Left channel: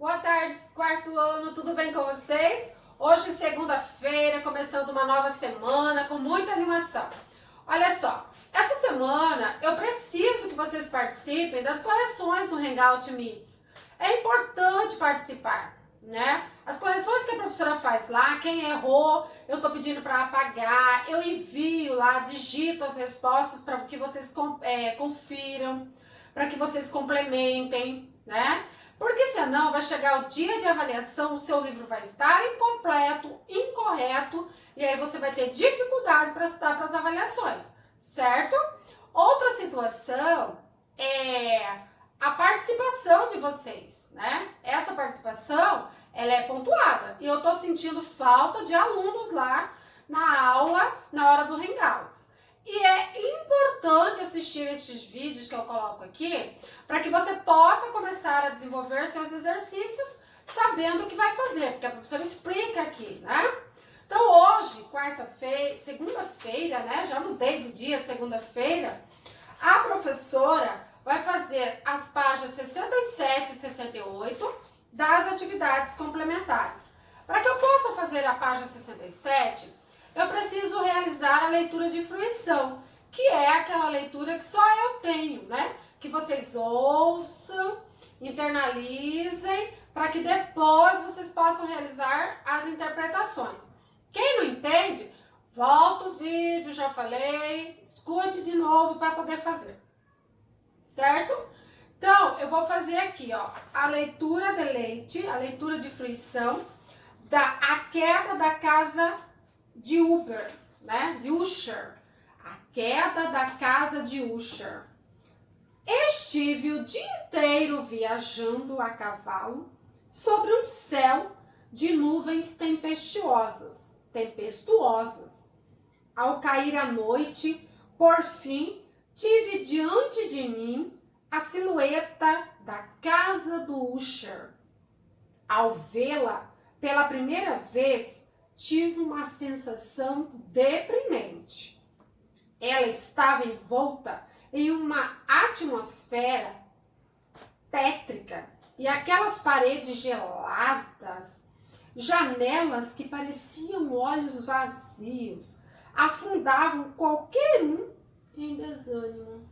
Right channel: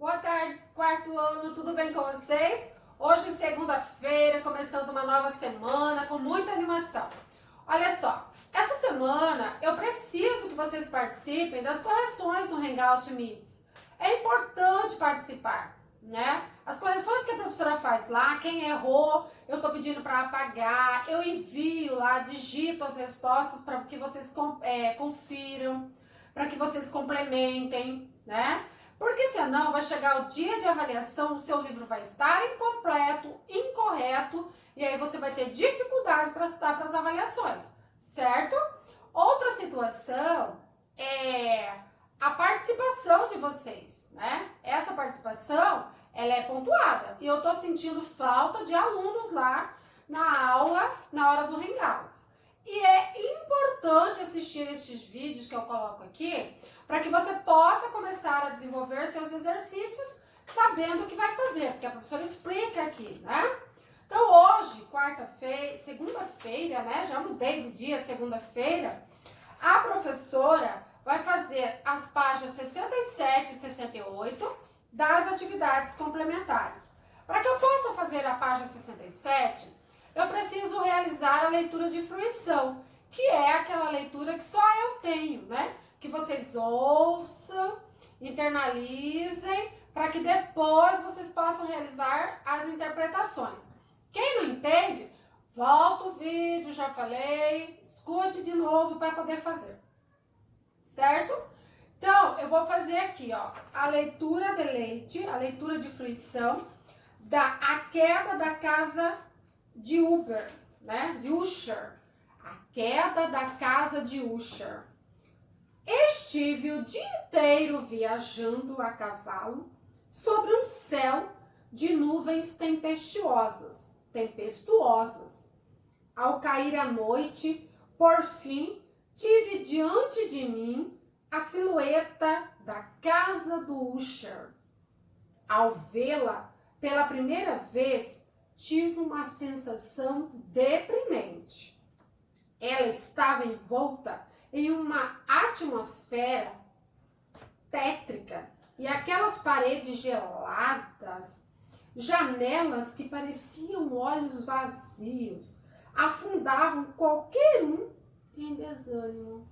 Boa tarde, quarto ano, tudo bem com vocês? Hoje, segunda-feira, começando uma nova semana com muita animação. Olha só, essa semana eu preciso que vocês participem das correções no Hangout Meets. É importante participar, né? As correções que a professora faz lá, quem errou, eu tô pedindo para apagar, eu envio lá, digito as respostas para que vocês confiram, para que vocês complementem, né? Porque senão vai chegar o dia de avaliação, o seu livro vai estar incompleto, incorreto, e aí você vai ter dificuldade para estudar para as avaliações, certo? Outra situação é a participação de vocês, né? Essa participação, ela é pontuada, e eu tô sentindo falta de alunos lá na aula, na hora do Hangouts. E é importante assistir estes vídeos que eu coloco aqui, para que você possa começar a desenvolver seus exercícios sabendo o que vai fazer, porque a professora explica aqui, né? Então hoje, quarta-feira, segunda-feira, né? Já mudei de dia, segunda-feira, a professora vai fazer as páginas 67 e 68 das atividades complementares. Para que eu possa fazer a página 67, eu preciso realizar a leitura de fruição, que é aquela leitura que só eu tenho, né? Que vocês ouçam, internalizem, para que depois vocês possam realizar as interpretações. Quem não entende, volta o vídeo, já falei, escute de novo para poder fazer, certo? Então, eu vou fazer aqui, ó, a leitura de leite, a leitura de fruição, a queda da casa de Uber, né? Usher, a queda da casa de Usher. Estive o dia inteiro viajando a cavalo sobre um céu de nuvens tempestuosas. Ao cair a noite, por fim, tive diante de mim a silhueta da casa do Usher. Ao vê-la pela primeira vez, tive uma sensação deprimente. Ela estava envolta em uma atmosfera tétrica e aquelas paredes geladas, janelas que pareciam olhos vazios, afundavam qualquer um em desânimo.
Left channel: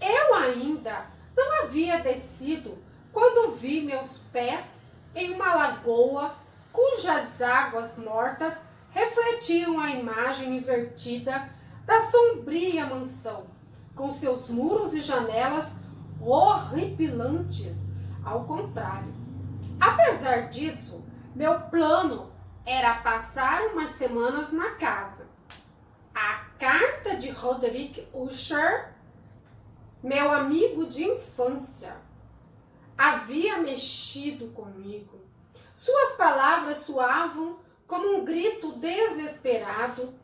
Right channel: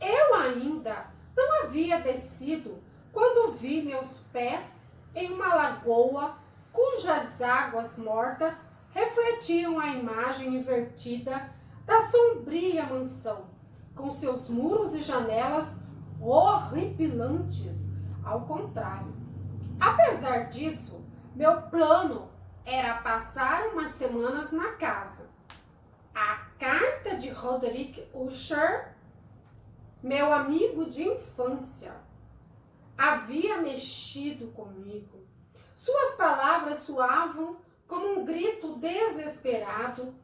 Eu ainda não havia descido quando vi meus pés em uma lagoa cujas águas mortas refletiam a imagem invertida da sombria mansão, com seus muros e janelas horripilantes. Ao contrário, apesar disso, meu plano era passar umas semanas na casa. A carta de Roderick Usher, meu amigo de infância, havia mexido comigo. Suas palavras soavam como um grito desesperado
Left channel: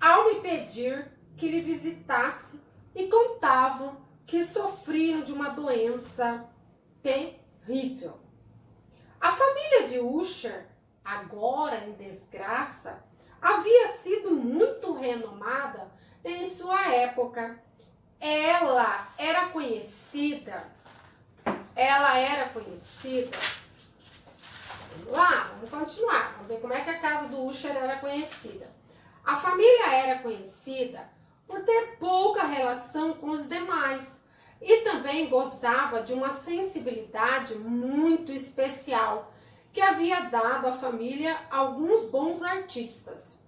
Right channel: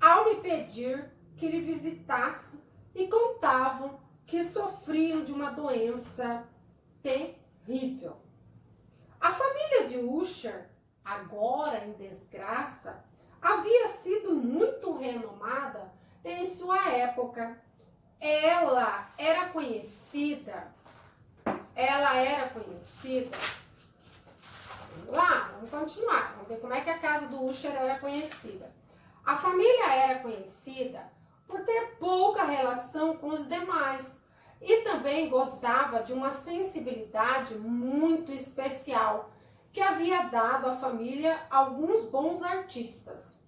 ao me pedir que lhe visitasse e contavam que sofriam de uma doença terrível. A família de Usher, agora em desgraça, havia sido muito renomada em sua época. Ela era conhecida. Vamos lá, vamos continuar. Vamos ver como é que a casa do Usher era conhecida. A família era conhecida por ter pouca relação com os demais e também gozava de uma sensibilidade muito especial que havia dado à família alguns bons artistas.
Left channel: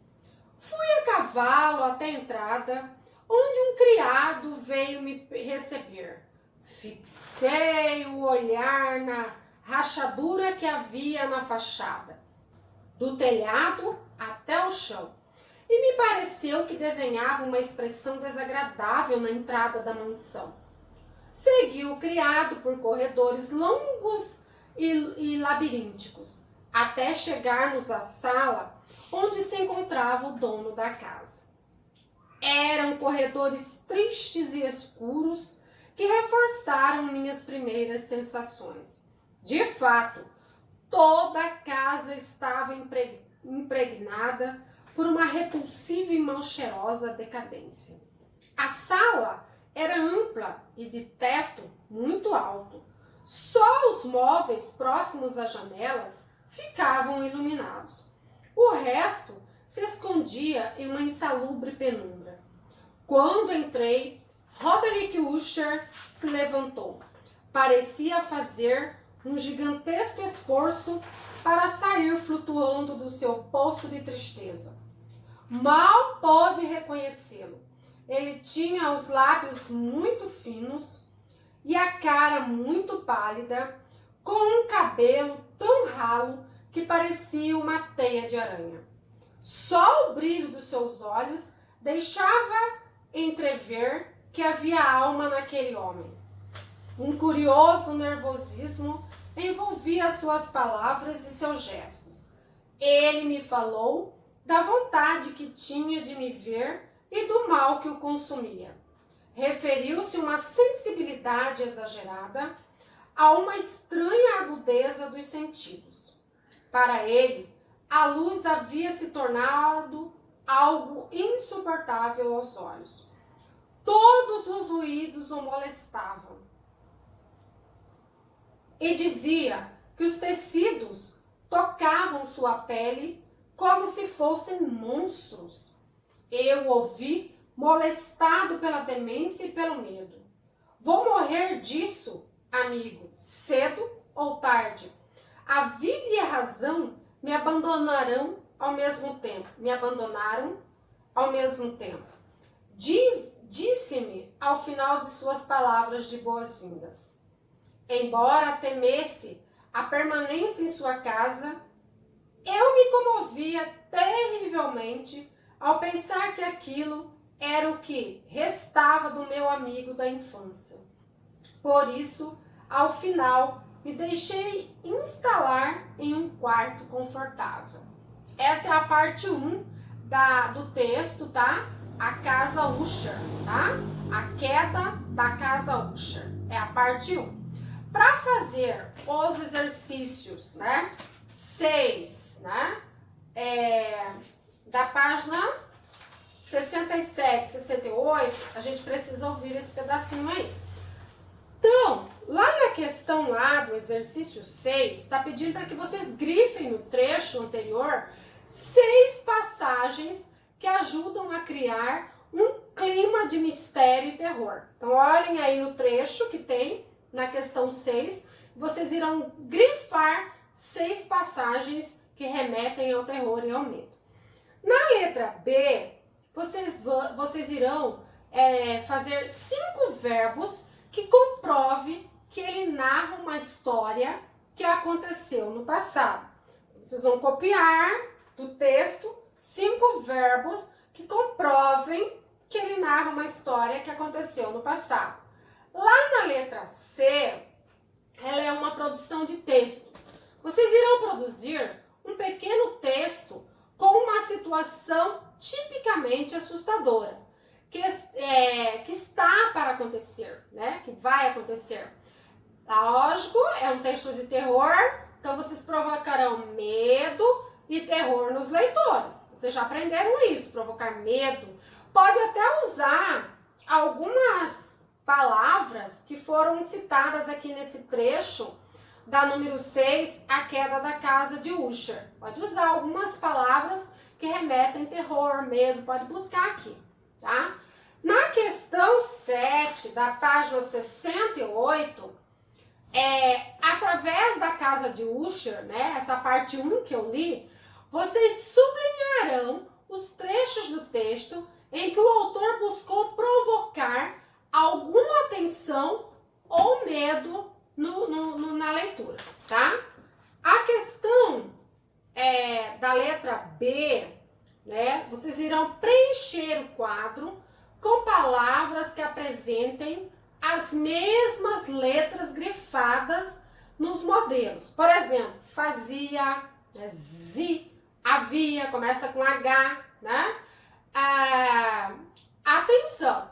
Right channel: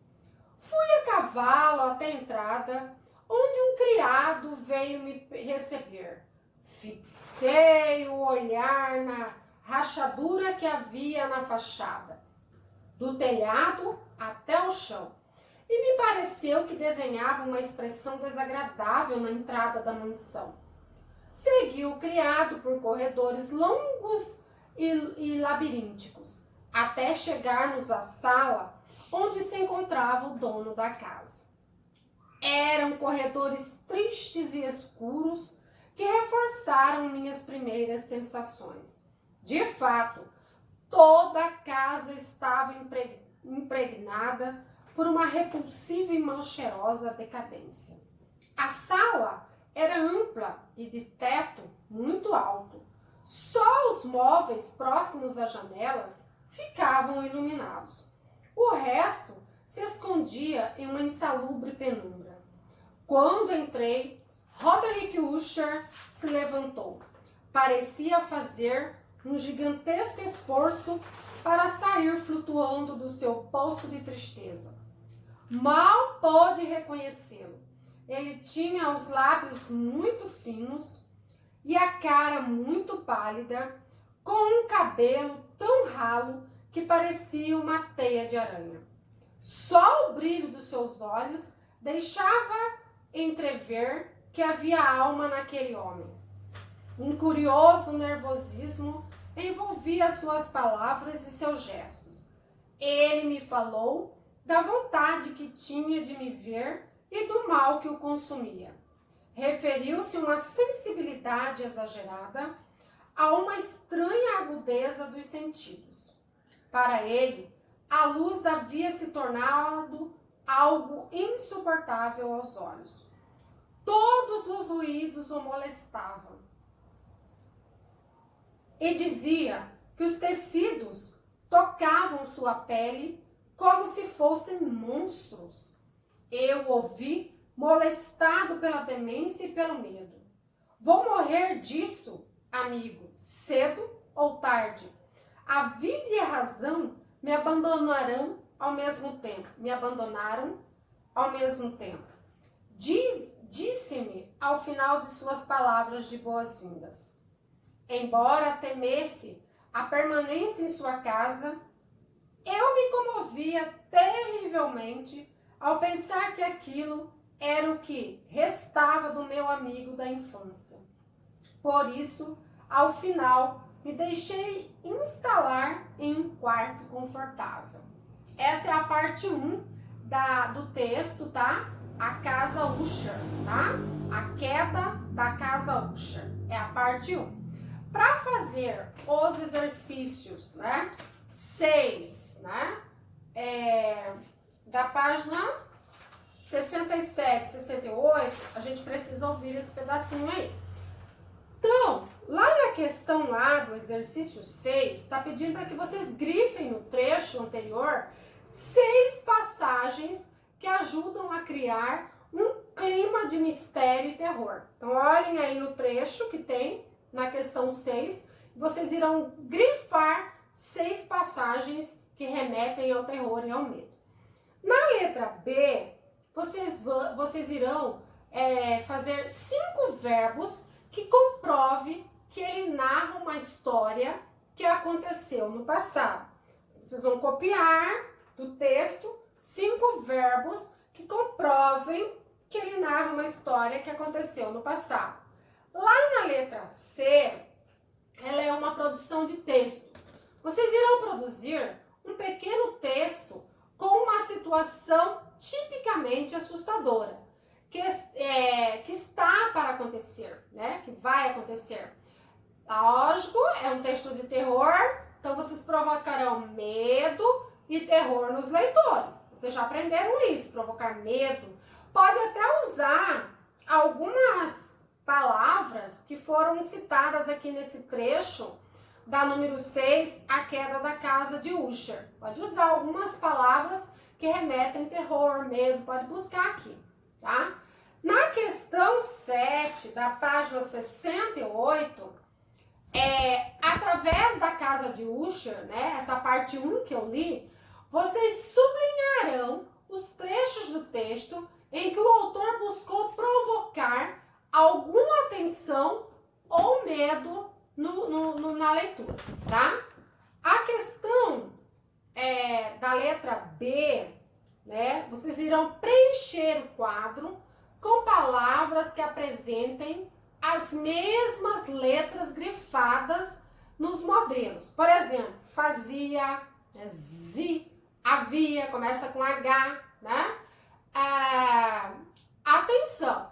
Fui a cavalo até a entrada, onde um criado veio me receber. Fixei o olhar na rachadura que havia na fachada, do telhado até o chão, e me pareceu que desenhava uma expressão desagradável na entrada da mansão. Segui o criado por corredores longos e labirínticos, até chegarmos à sala onde se encontrava o dono da casa. Eram corredores tristes e escuros que reforçaram minhas primeiras sensações. De fato, toda a casa estava impregnada por uma repulsiva e mal cheirosa decadência. A sala era ampla e de teto muito alto. Só os móveis próximos às janelas ficavam iluminados. O resto se escondia em uma insalubre penumbra. Quando entrei, Roderick Usher se levantou. Parecia fazer um gigantesco esforço para sair flutuando do seu poço de tristeza. Mal pôde reconhecê-lo. Ele tinha os lábios muito finos e a cara muito pálida, com um cabelo tão ralo que parecia uma teia de aranha. Só o brilho dos seus olhos deixava entrever que havia alma naquele homem. Um curioso nervosismo envolvia suas palavras e seus gestos. Ele me falou da vontade que tinha de me ver e do mal que o consumia. Referiu-se uma sensibilidade exagerada a uma estranha agudeza dos sentidos. Para ele, a luz havia se tornado algo insuportável aos olhos. Todos os ruídos o molestavam. E dizia que os tecidos tocavam sua pele como se fossem monstros. Eu o ouvi molestado pela demência e pelo medo. Vou morrer disso, amigo, cedo ou tarde. A vida e a razão me abandonaram ao mesmo tempo. Disse-me ao final de suas palavras de boas-vindas. Embora temesse a permanência em sua casa, eu me comovia terrivelmente ao pensar que aquilo era o que restava do meu amigo da infância. Por isso, ao final, me deixei instalar em um quarto confortável. Essa é a parte 1 do texto, tá? A casa Usher, tá? A queda da casa Usher. É a parte 1. Para fazer os exercícios, né? 6, né? Da página 67, 68, a gente precisa ouvir esse pedacinho aí. Então, lá na questão lá do exercício 6, está pedindo para que vocês grifem no trecho anterior 6 passagens que ajudam a criar um clima de mistério e terror. Então, olhem aí no trecho que tem na questão 6, vocês irão grifar 6 passagens que remetem ao terror e ao medo. Na letra B, vocês irão fazer 5 verbos que comprove que ele narra uma história que aconteceu no passado. Vocês vão copiar do texto 5 verbos que comprovem que ele narra uma história que aconteceu no passado. Lá na letra C, ela é uma produção de texto. Vocês irão produzir um pequeno texto com uma situação tipicamente assustadora, que está para acontecer, né? Que vai acontecer. Lógico, é um texto de terror, então vocês provocarão medo e terror nos leitores. Vocês já aprenderam isso, provocar medo. Pode até usar algumas palavras que foram citadas aqui nesse trecho da número 6, a queda da casa de Usher. Pode usar algumas palavras que remetem terror, medo, pode buscar aqui, tá? Na questão 7, da página 68, através da casa de Usher, né, essa parte 1 que eu li, vocês sublinharão os trechos do texto em que o autor buscou provocar alguma atenção ou medo na leitura, tá? A questão da letra B, né? Vocês irão preencher o quadro com palavras que apresentem as mesmas letras grifadas nos modelos. Por exemplo, fazia, havia, começa com H, né? Atenção!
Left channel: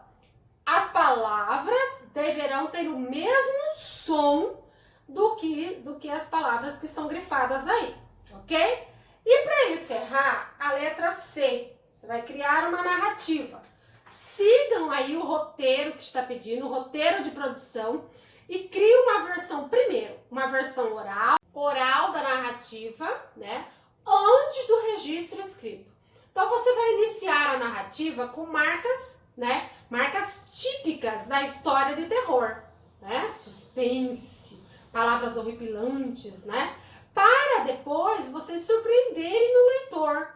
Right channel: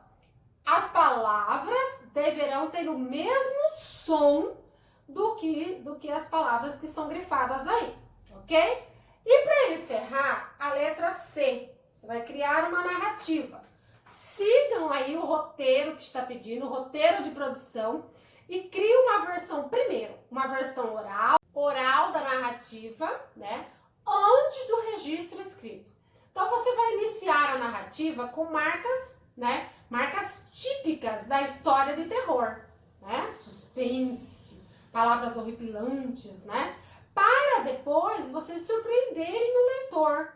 As palavras deverão ter o mesmo som do que as palavras que estão grifadas aí, ok? E para encerrar, a letra C, você vai criar uma narrativa. Sigam aí o roteiro que está pedindo, o roteiro de produção, e cria uma versão, primeiro, uma versão oral da narrativa, né? Antes do registro escrito. Então você vai iniciar a narrativa com marcas, né? Marcas típicas da história de terror, né? Suspense, palavras horripilantes, né? Para depois vocês surpreenderem no leitor.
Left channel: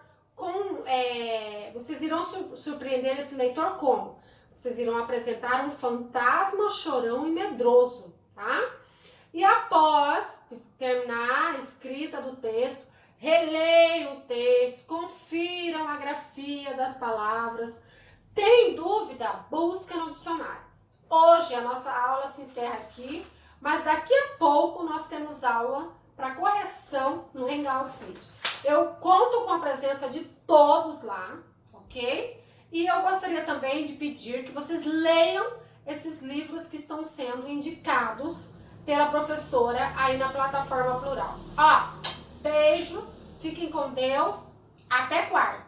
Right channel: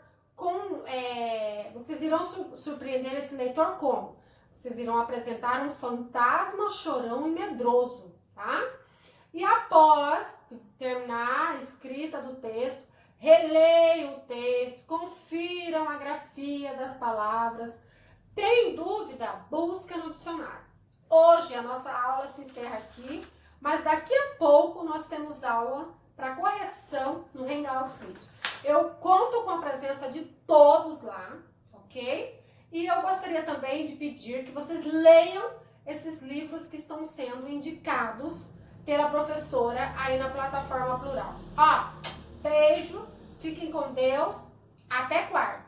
Vocês irão surpreender esse leitor como? Vocês irão apresentar um fantasma chorão e medroso, tá? E após terminar a escrita do texto, releiam o texto, confiram a grafia das palavras. Tem dúvida? Busca no dicionário. Hoje a nossa aula se encerra aqui, mas daqui a pouco nós temos aula para correção no Hangout Split. Eu conto com a presença de todos lá, ok? E eu gostaria também de pedir que vocês leiam esses livros que estão sendo indicados pela professora aí na plataforma Plural. Ó, beijo, fiquem com Deus, até quarta.